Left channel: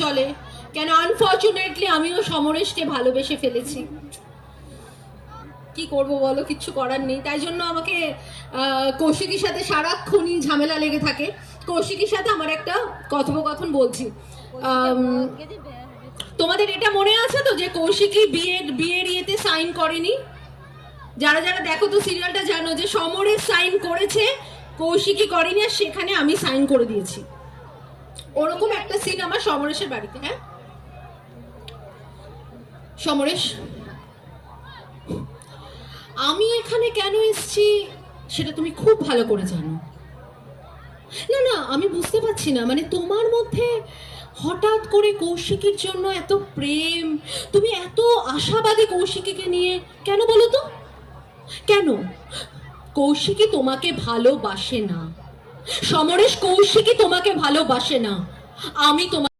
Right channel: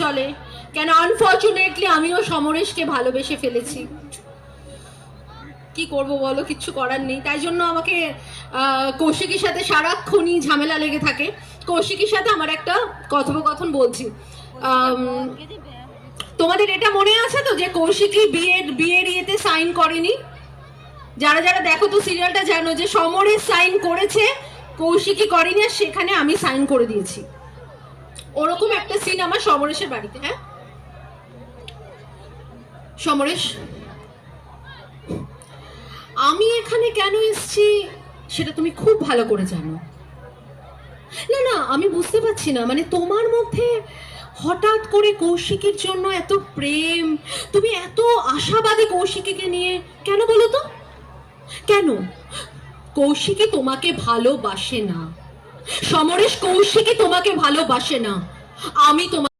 চলে কেন আনফরচুনেটলি আমিও সমরেশকে ভালোবেসে ফেলেছি। কি করব বলো, কিচ্ছু করার নেই। তাই জন্য আমাকে কৌশিকীর সাথে সারাক্ষণই ঝামেলা লেগে থাকে। কৌশিকীর সাথে আমার একটা কথোপকথন বলছি। তোমাদের এটা মনে আছে তো যে কৌশিকী বিয়ের ইয়েতে সাইন করেনি? যারা যারা দেখো তো সিরিয়ালটা জানো যে সমরেশ সাইন করেছে, কৌশিকী করেনি, আর সেখানে আমি সাইন করে দিয়েছি। ওরকম একটা সিন আমার সমরেশের বাড়িতে। হ্যাঁ সমরেশ, আমি এখানে কেন এসেছি সেটা তুমি খুব ভালো করে জানো। না না, আমি বুঝতে পারছি না, মানে তোমার মধ্যে হঠাৎ করে কৌশিকীর জন্য এত প্রেম, তুমি এত আশাবাদী কৌশিকীকে নিয়ে, কেন বলো তো? কেন? কৌশিকী তোমাকে ভালোবাসে না সমরেশ, কৌশিকী তোমাকে ভালোবাসে না। আমি তোমাকে